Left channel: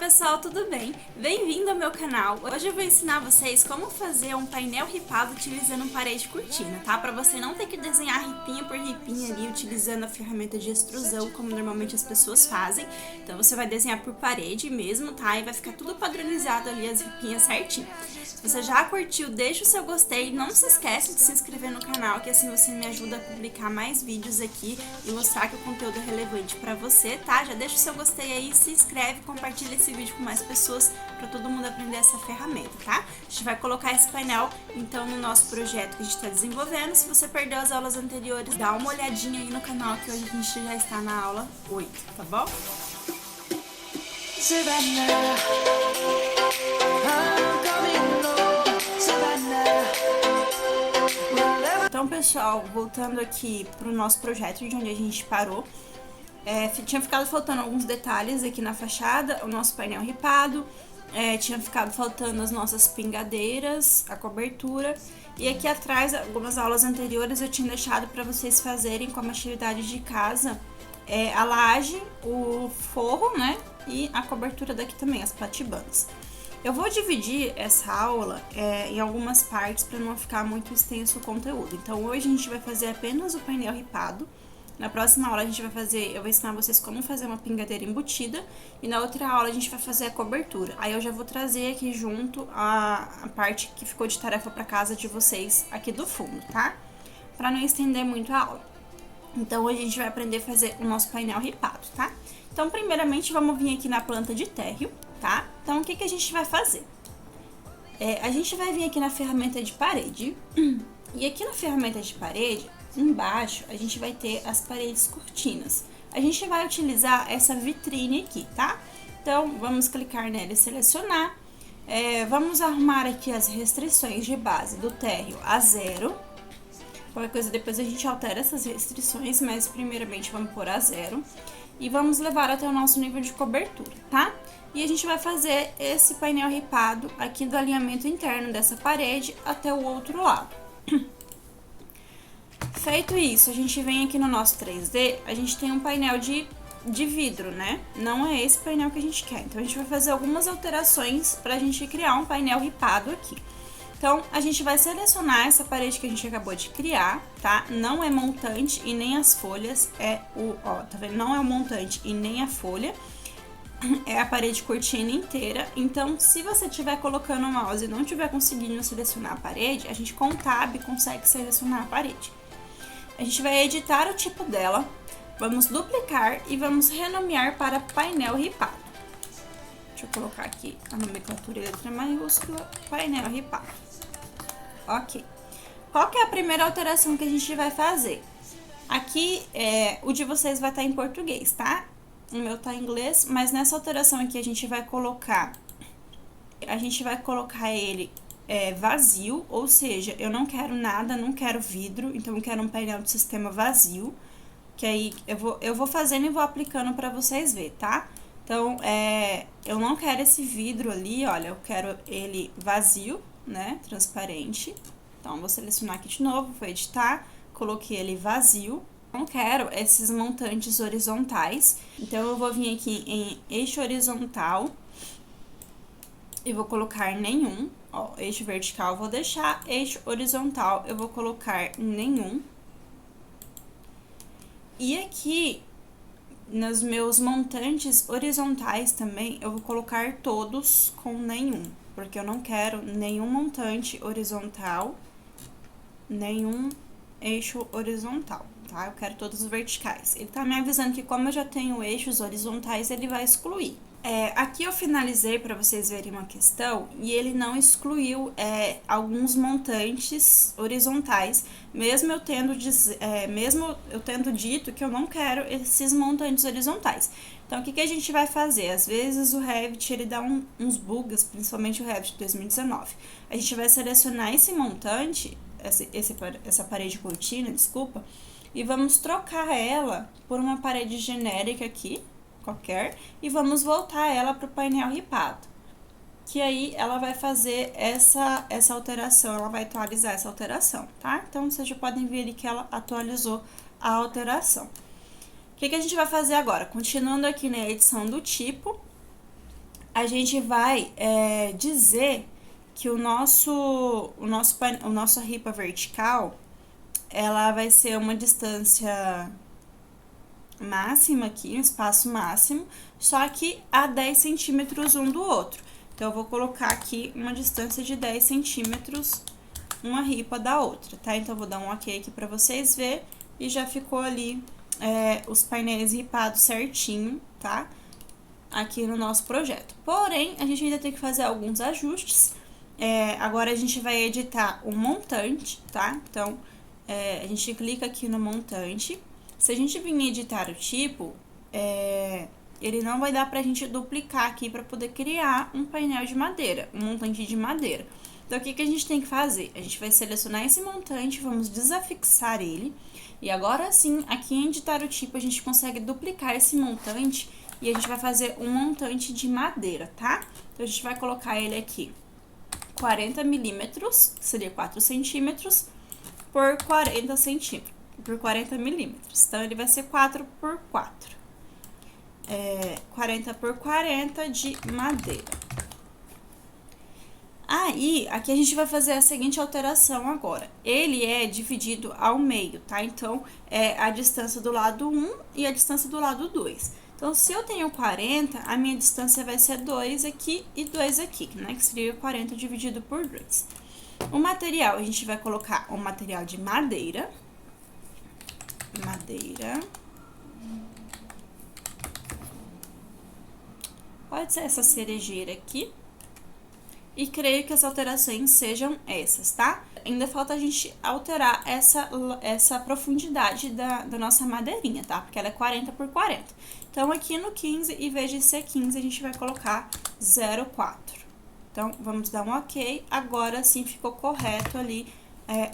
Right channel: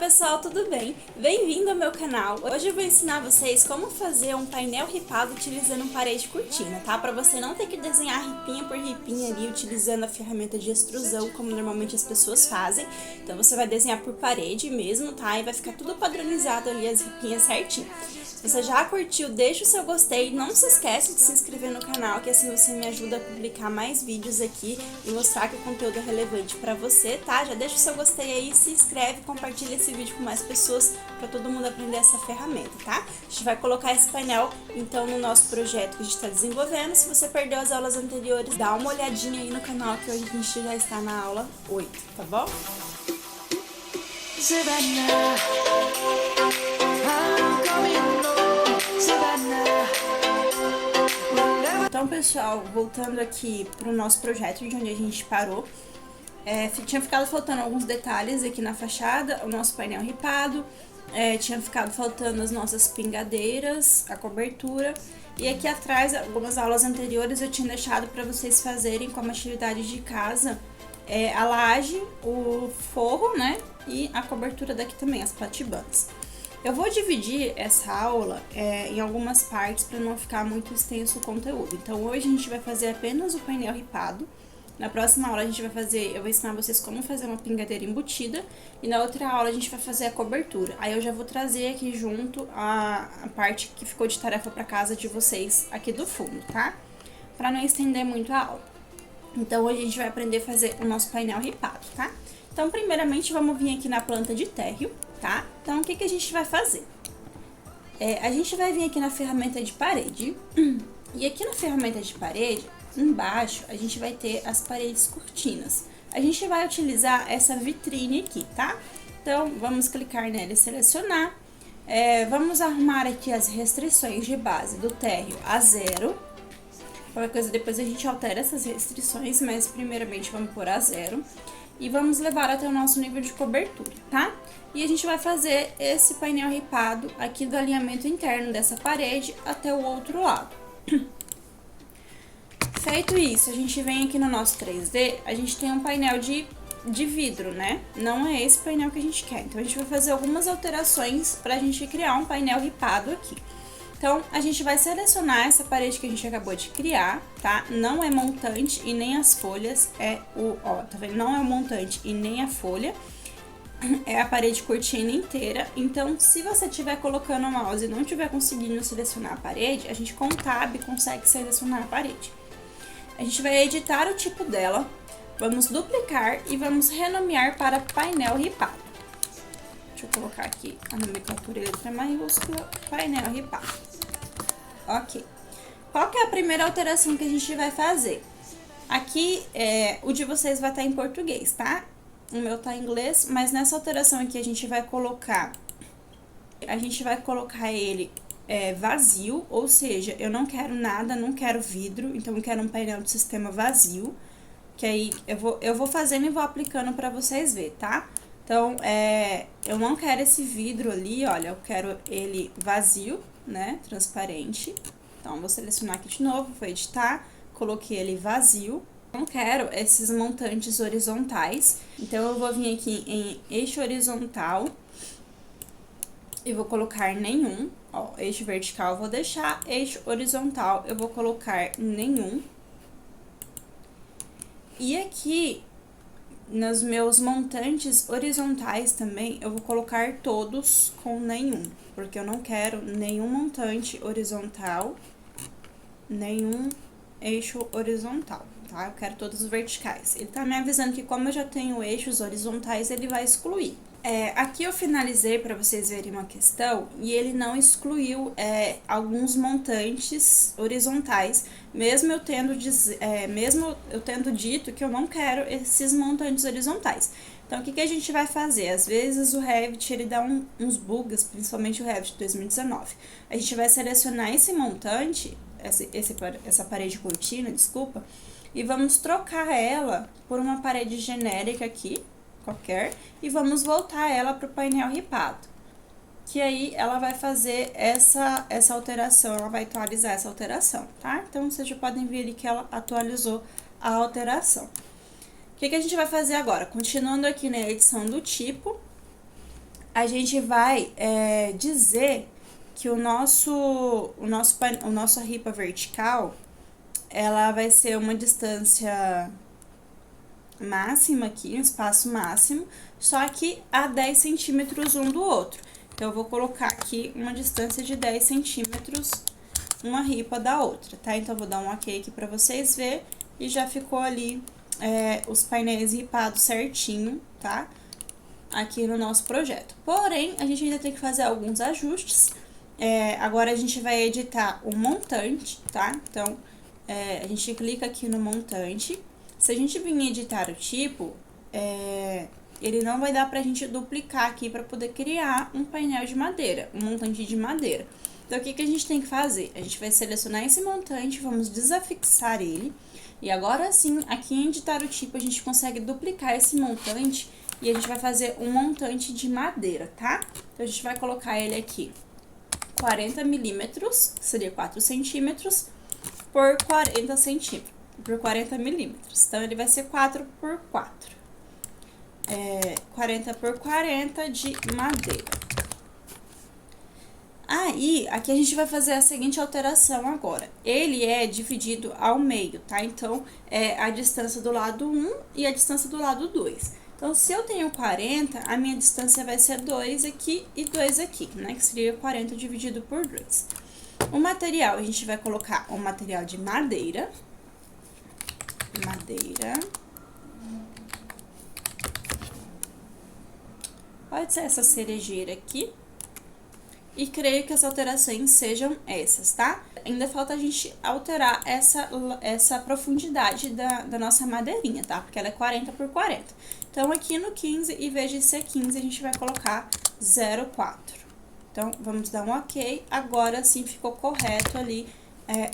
pessoal, tudo bem? Bem-vindo ao meu canal. Hoje eu vou ensinar vocês como fazer um painel ripado utilizando parede cortina, tá? Pra você não ter que desenhar ripinha por ripinha ali utilizando a ferramenta de extrusão, como normalmente as pessoas fazem. Então você vai desenhar por parede mesmo, tá? E vai ficar tudo padronizado ali, as ripinhas certinho. Se você já curtiu, deixa o seu gostei. Não se esquece de se inscrever no canal, que assim você me ajuda a publicar mais vídeos aqui e mostrar que o conteúdo é relevante pra você, tá? Já deixa o seu gostei aí, se inscreve, compartilha esse vídeo com mais pessoas para todo mundo aprender essa ferramenta, tá? A gente vai colocar esse painel, então, no nosso projeto que a gente está desenvolvendo. Se você perdeu as aulas anteriores, dá uma olhadinha aí no canal, que hoje a gente já está na aula 8, tá bom? Savannah, I'm coming home, Savannah. Então, pessoal, voltando aqui pro nosso projeto, de onde a gente parou, tinha ficado faltando alguns detalhes aqui na fachada, o nosso painel ripado, tinha ficado faltando as nossas pingadeiras, a cobertura, e aqui atrás, algumas aulas anteriores eu tinha deixado para vocês fazerem como atividade de casa, a laje, o forro, né, e a cobertura daqui também, as platibandas. Eu vou dividir essa aula em algumas partes para não ficar muito extenso o conteúdo. Então, hoje a gente vai fazer apenas o painel ripado. Na próxima aula eu vou ensinar vocês como fazer uma pingadeira embutida. E na outra aula a gente vai fazer a cobertura. Aí eu já vou trazer aqui junto a parte que ficou de tarefa para casa de vocês aqui do fundo, tá? Para não estender muito a aula. Então, hoje a gente vai aprender a fazer o nosso painel ripado, tá? Então, primeiramente, vamos vir aqui na planta de térreo, tá? Então, o que a gente vai fazer? A gente vai vir aqui na ferramenta de parede, e aqui na ferramenta de parede, embaixo, a gente vai ter as paredes cortinas. A gente vai utilizar essa vitrine aqui, tá? Então, vamos clicar nela e selecionar. Vamos arrumar aqui as restrições de base do térreo a 0. Qualquer coisa, depois a gente altera essas restrições, mas primeiramente vamos pôr a 0. E vamos levar até o nosso nível de cobertura, tá? E a gente vai fazer esse painel ripado aqui do alinhamento interno dessa parede até o outro lado. Feito isso, a gente vem aqui no nosso 3D, a gente tem um painel de vidro, né? Não é esse painel que a gente quer. Então, a gente vai fazer algumas alterações pra gente criar um painel ripado aqui. Então, a gente vai selecionar essa parede que a gente acabou de criar, tá? Não é montante e nem as folhas, tá vendo? Não é o montante e nem a folha, é a parede cortina inteira. Então, se você estiver colocando o mouse e não estiver conseguindo selecionar a parede, a gente com o Tab consegue selecionar a parede. A gente vai editar o tipo dela, vamos duplicar e vamos renomear para painel ripado. Deixa eu colocar aqui a nomenclatura em letra maiúscula, painel ripado. Ok. Qual que é a primeira alteração que a gente vai fazer? Aqui, o de vocês vai estar em português, tá? O meu tá em inglês, mas nessa alteração aqui a gente vai colocar ele vazio, ou seja, eu não quero nada, não quero vidro, então eu quero um painel de sistema vazio, que aí eu vou fazendo e vou aplicando para vocês verem, tá? Então, eu não quero esse vidro ali, olha, eu quero ele vazio, né, transparente. Então, vou selecionar aqui de novo, vou editar, coloquei ele vazio. Não quero esses montantes horizontais, então eu vou vir aqui em eixo horizontal e vou colocar nenhum. Ó, eixo vertical eu vou deixar, eixo horizontal eu vou colocar nenhum. E aqui, nos meus montantes horizontais também, eu vou colocar todos com nenhum, porque eu não quero nenhum montante horizontal, nenhum eixo horizontal, tá? Eu quero todos os verticais. Ele tá me avisando que como eu já tenho eixos horizontais, ele vai excluir. Aqui eu finalizei para vocês verem uma questão e ele não excluiu alguns montantes horizontais, mesmo eu tendo dito que eu não quero esses montantes horizontais. Então, o que a gente vai fazer? Às vezes o Revit ele dá uns bugs, principalmente o Revit 2019. A gente vai selecionar esse montante, essa parede cortina, desculpa, e vamos trocar ela por uma parede genérica aqui, qualquer, e vamos voltar ela para o painel ripado, que aí ela vai fazer essa alteração, ela vai atualizar essa alteração, tá? Então, vocês já podem ver ali que ela atualizou a alteração. O que a gente vai fazer agora? Continuando aqui na edição do tipo, a gente vai dizer que a nossa ripa vertical, ela vai ser uma distância máxima aqui, um espaço máximo, só que a 10 centímetros um do outro. Então, eu vou colocar aqui uma distância de 10 centímetros, uma ripa da outra, tá? Então, eu vou dar um ok aqui pra vocês verem, e já ficou ali os painéis ripados certinho, tá? Aqui no nosso projeto. Porém, a gente ainda tem que fazer alguns ajustes. Agora, a gente vai editar o montante, tá? Então, a gente clica aqui no montante. Se a gente vir editar o tipo, ele não vai dar pra gente duplicar aqui pra poder criar um painel de madeira, um montante de madeira. Então, o que que a gente tem que fazer? A gente vai selecionar esse montante, vamos desafixar ele. E agora sim, aqui em editar o tipo, a gente consegue duplicar esse montante e a gente vai fazer um montante de madeira, tá? Então, a gente vai colocar ele aqui 40 milímetros, que seria 4 centímetros, por 40 centímetros, por 40 milímetros. Então, ele vai ser 4 por 4. 40 por 40 de madeira. Aí, aqui a gente vai fazer a seguinte alteração agora. Ele é dividido ao meio, tá? Então, a distância do lado 1 e a distância do lado 2. Então, se eu tenho 40, a minha distância vai ser 2 aqui e 2 aqui, né? Que seria 40 dividido por 2. O material, a gente vai colocar um material de madeira. Pode ser essa cerejeira aqui. E creio que as alterações sejam essas, tá? Ainda falta a gente alterar essa profundidade da nossa madeirinha, tá? Porque ela é 40 por 40. Então, aqui no 15, em vez de ser 15, a gente vai colocar 0,4. Então, vamos dar um ok. Agora sim ficou correto ali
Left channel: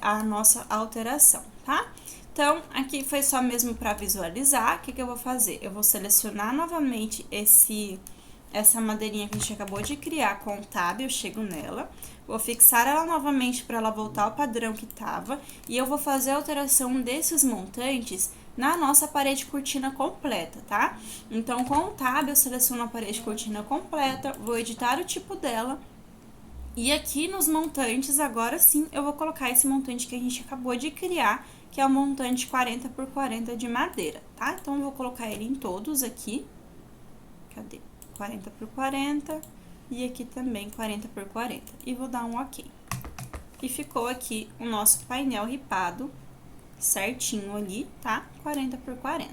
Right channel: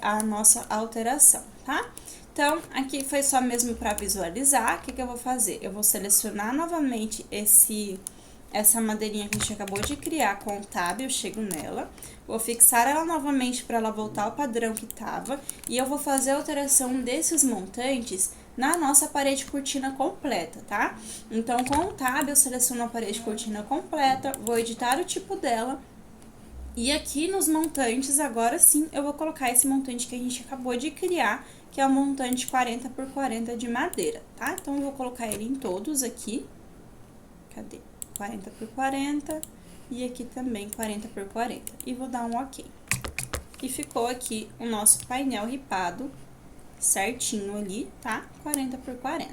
a nossa alteração, tá? Então, aqui foi só mesmo para visualizar. O que que eu vou fazer? Eu vou selecionar novamente essa madeirinha que a gente acabou de criar com o tab, eu chego nela, vou fixar ela novamente para ela voltar ao padrão que tava, e eu vou fazer a alteração desses montantes na nossa parede cortina completa, tá? Então, com o tab, eu seleciono a parede cortina completa, vou editar o tipo dela, e aqui nos montantes, agora sim, eu vou colocar esse montante que a gente acabou de criar, que é o montante 40 por 40 de madeira, tá? Então, eu vou colocar ele em todos aqui. Cadê? 40 por 40 e aqui também 40 por 40. E vou dar um ok. E ficou aqui o nosso painel ripado certinho ali, tá? 40 por 40.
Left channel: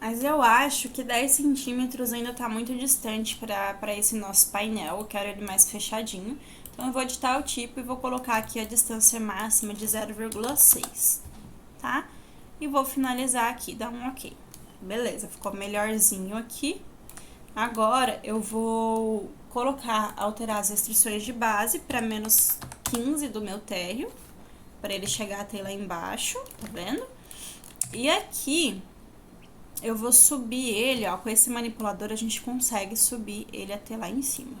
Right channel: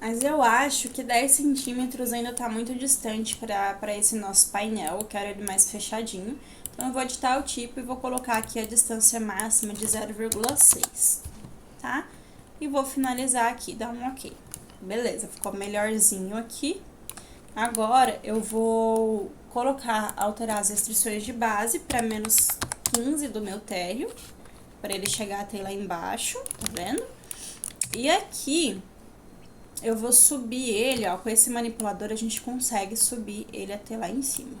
Mas eu acho que 10 centímetros ainda tá muito distante pra esse nosso painel. Eu quero ele mais fechadinho. Então, eu vou editar o tipo e vou colocar aqui a distância máxima de 0,6, tá? E vou finalizar aqui, dar um ok. Beleza, ficou melhorzinho aqui. Agora, eu vou alterar as restrições de base para menos 15 do meu térreo, para ele chegar até lá embaixo, tá vendo? E aqui, eu vou subir ele, ó, com esse manipulador a gente consegue subir ele até lá em cima.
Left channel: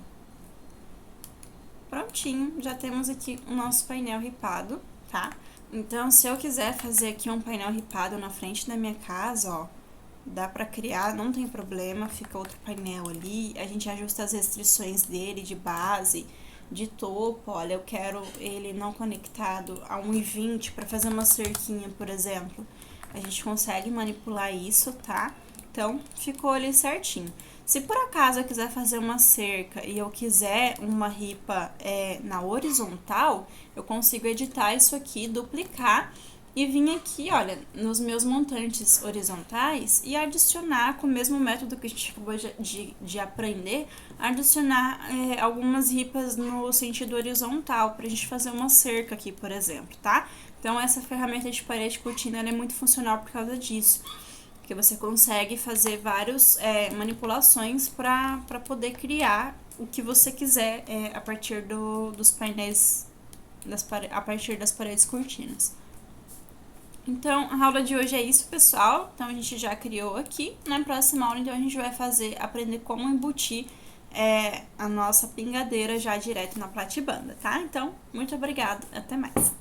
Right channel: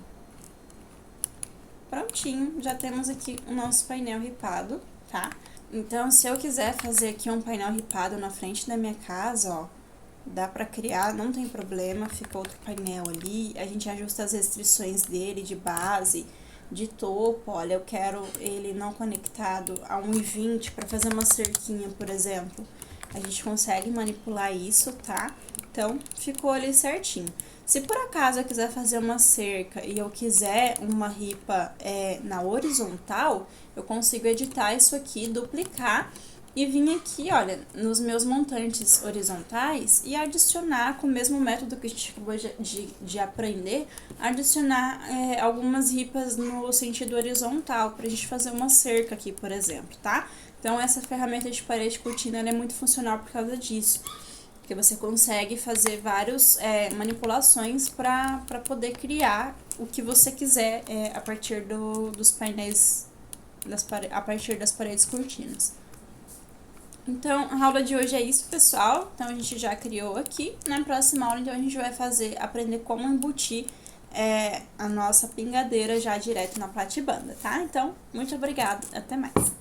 Prontinho, já temos aqui o nosso painel ripado, tá? Então, se eu quiser fazer aqui um painel ripado na frente da minha casa, ó, dá pra criar, não tem problema, fica outro painel ali, a gente ajusta as restrições dele de base, de topo, olha, eu quero ele não conectado a 1,20 para fazer uma cerquinha, por exemplo. A gente consegue manipular isso, tá? Então, ficou ali certinho. Se por acaso eu quiser fazer uma cerca e eu quiser uma ripa na horizontal, eu consigo editar isso aqui, duplicar e vim aqui, olha, nos meus montantes horizontais e adicionar, com o mesmo método que a gente acabou de aprender, adicionar algumas ripas no sentido horizontal, pra gente fazer uma cerca aqui, por exemplo, tá? Então, essa ferramenta de parede cortina, ela é muito funcional por causa disso, porque você consegue fazer várias manipulações para poder criar o que você quiser a partir dos painéis, a partir das paredes cortinas. Então, a aula de hoje é isso, pessoal. Então, a gente já criou aqui. Na próxima aula, então, a gente vai aprender como embutir a nossa pingadeira já direto na platibanda, tá? Então, muito obrigada. Até mais.